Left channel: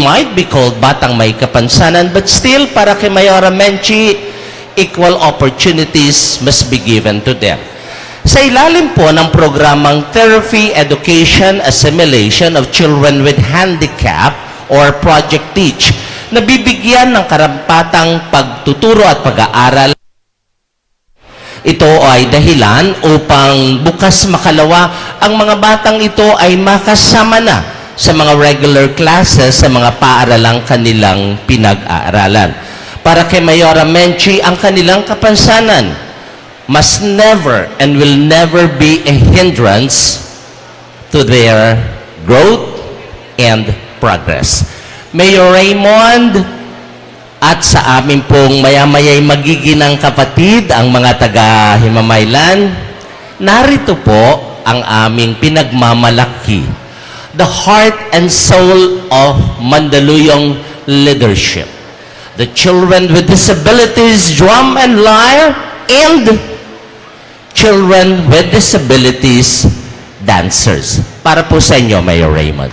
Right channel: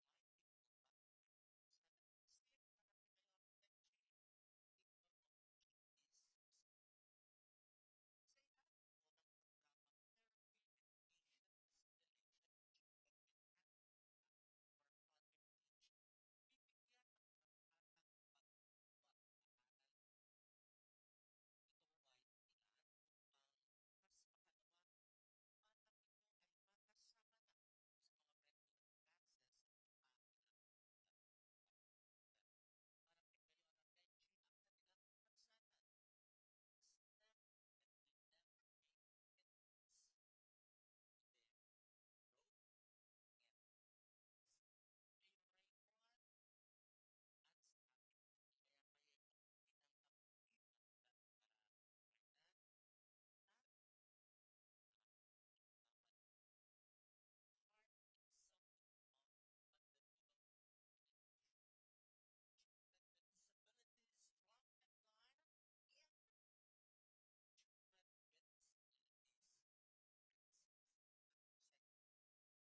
might be called Batang May Kapansanan, but still, para kay Mayora Menchie, equal opportunities must be given to them. Sa ilalim po ng programang Therapy, Education, Assimilation of Children with Handicap or Project Teach, nabibigyan ng karampatang pagtuturo at pag-aaral. Ito ay dahilan upang bukas makalawa ang mga batang ito ay makasama na sa mga regular classes sa mga paaralang kanilang pinag-aaralan. Para kay Mayora Menchie, ang kanilang kapansanan must never and will never be a hindrance to their growth and progress. Mayor Raymond, at sa amin pong maya-maya'y magiginang kapatid, ang mga taga-Himamaylan, narito po ang aming pinagmamalaki, the heart and soul of Mandaluyong leadership. The children with disabilities, drum and lyre, and children with disabilities, dancers. Para po sa inyo, Mayor Raymond.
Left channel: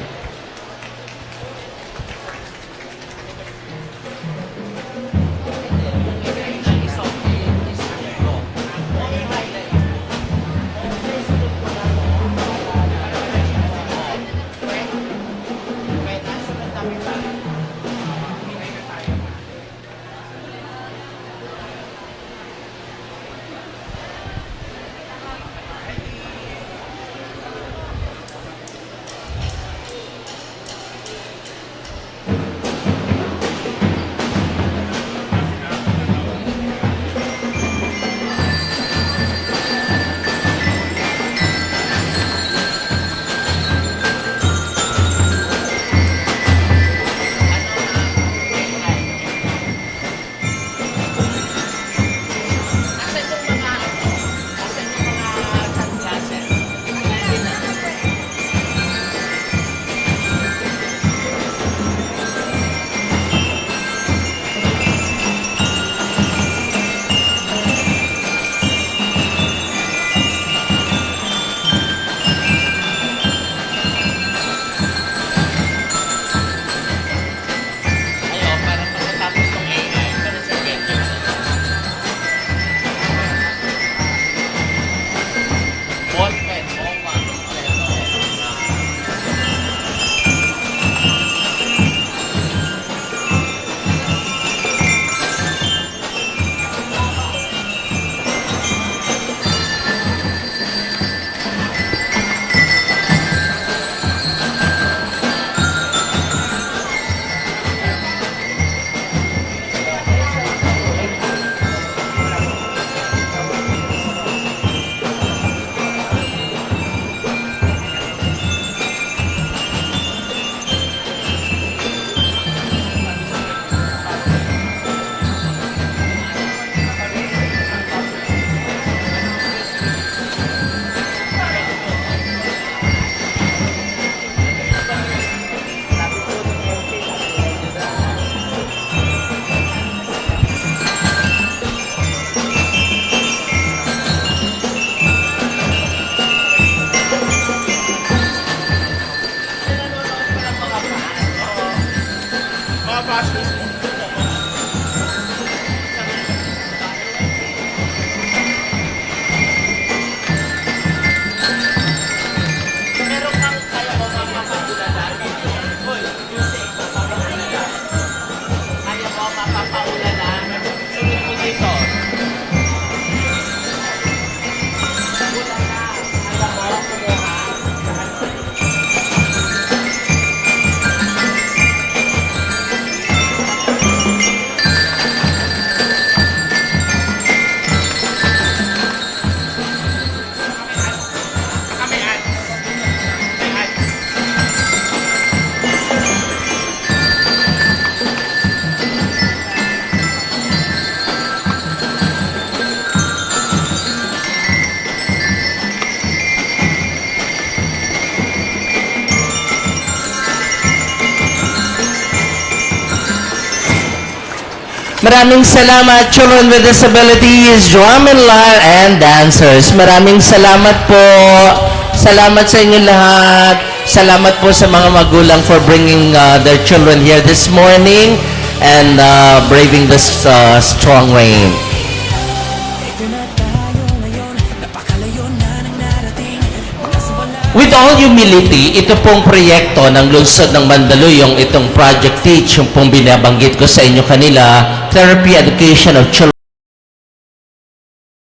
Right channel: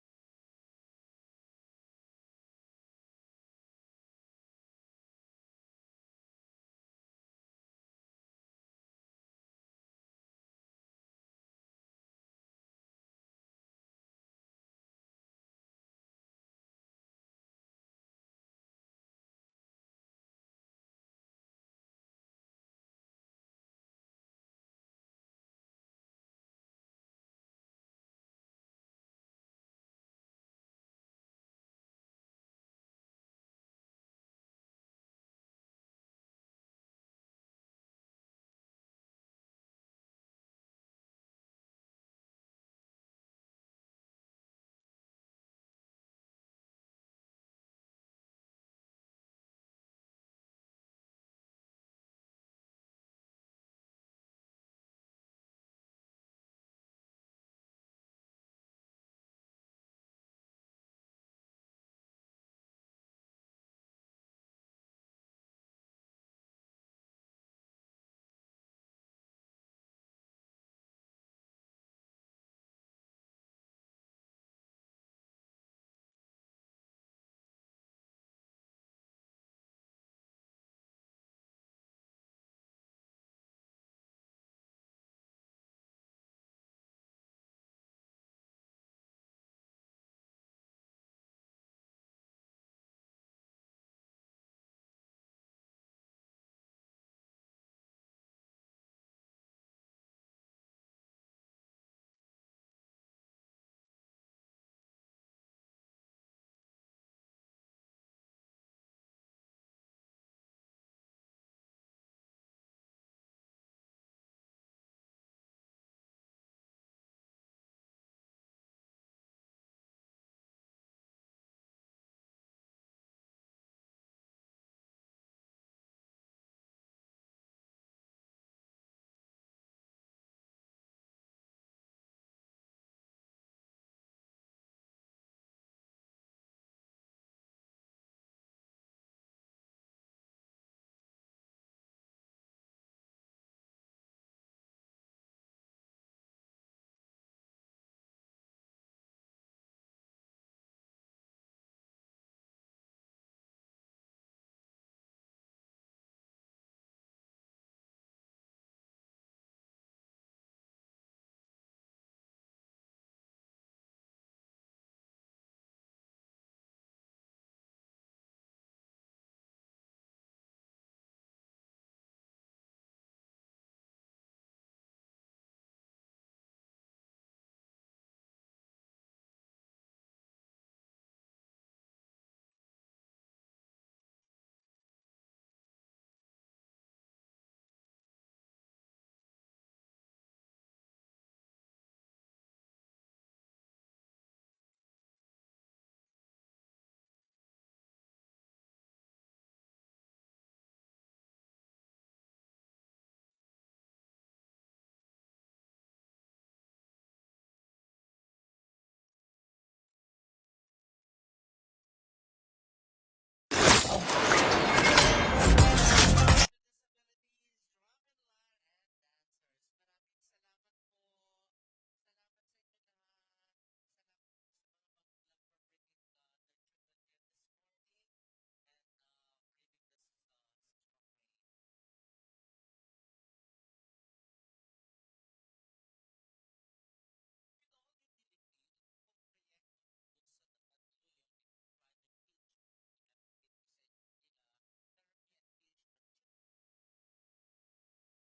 Maraming salamat, children with disabilities, drum and lyre, and dancers. Maraming salamat po. Salamat sa inyo lahat. Salamat po sa mga magulang for bringing their children here this morning and braving this strong rain. With all humility, ito pong proyekto ng Lungsod ng Mandaluyong, itong Project Teach, yung pong binabanggit ko sa inyo kanila, Therapy Education of Children.